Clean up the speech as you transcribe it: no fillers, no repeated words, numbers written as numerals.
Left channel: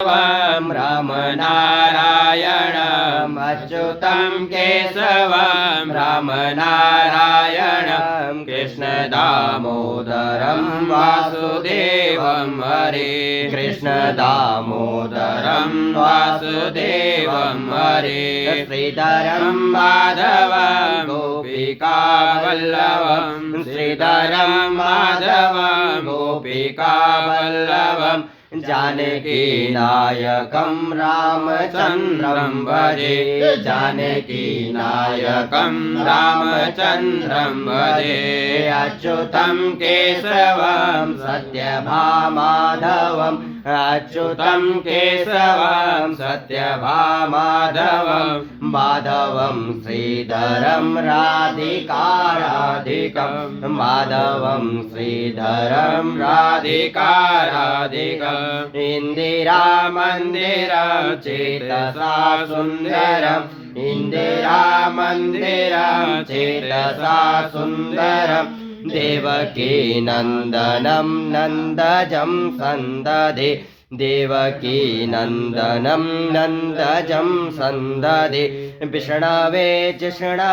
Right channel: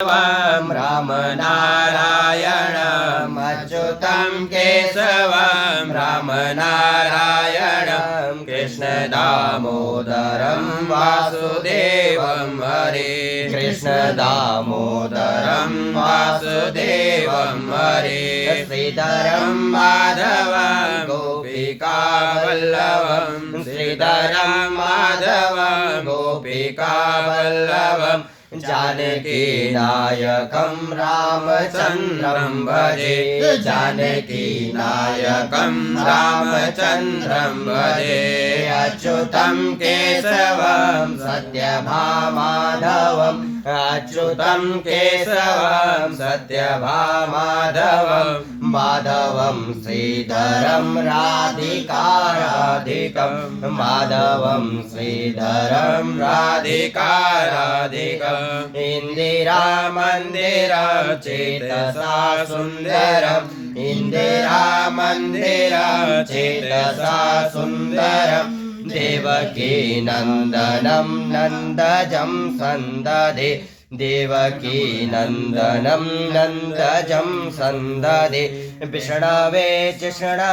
रामनारायणम् अच्युतं केशवं रामनारायणं कृष्णदामोदरं वासुदेवं हरे कृष्णदामोदरं वासुदेवं हरे श्रीधरं माधवं गोपिकावल्लभं श्रीधरं माधवं गोपिकावल्लभं जानकी नायकं रामचन्द्रं भजे जानकी नायकं रामचन्द्रं भजे अच्युतं केशवं सत्यभामाधवम् अच्युतं केशवं सत्यभामाधवं माधवं श्रीधरं राधिकाराधिकं माधवं श्रीधरं राधिकाराधिकम् इंदिरा मंदिर चेतसा सुंदरम् इंदिरा मंदिर चेतसा सुंदरम् देवकी नंदनं नंदजं संदधे देवकी नंदनं नंदजं संदधे विष्णवे कृष्ण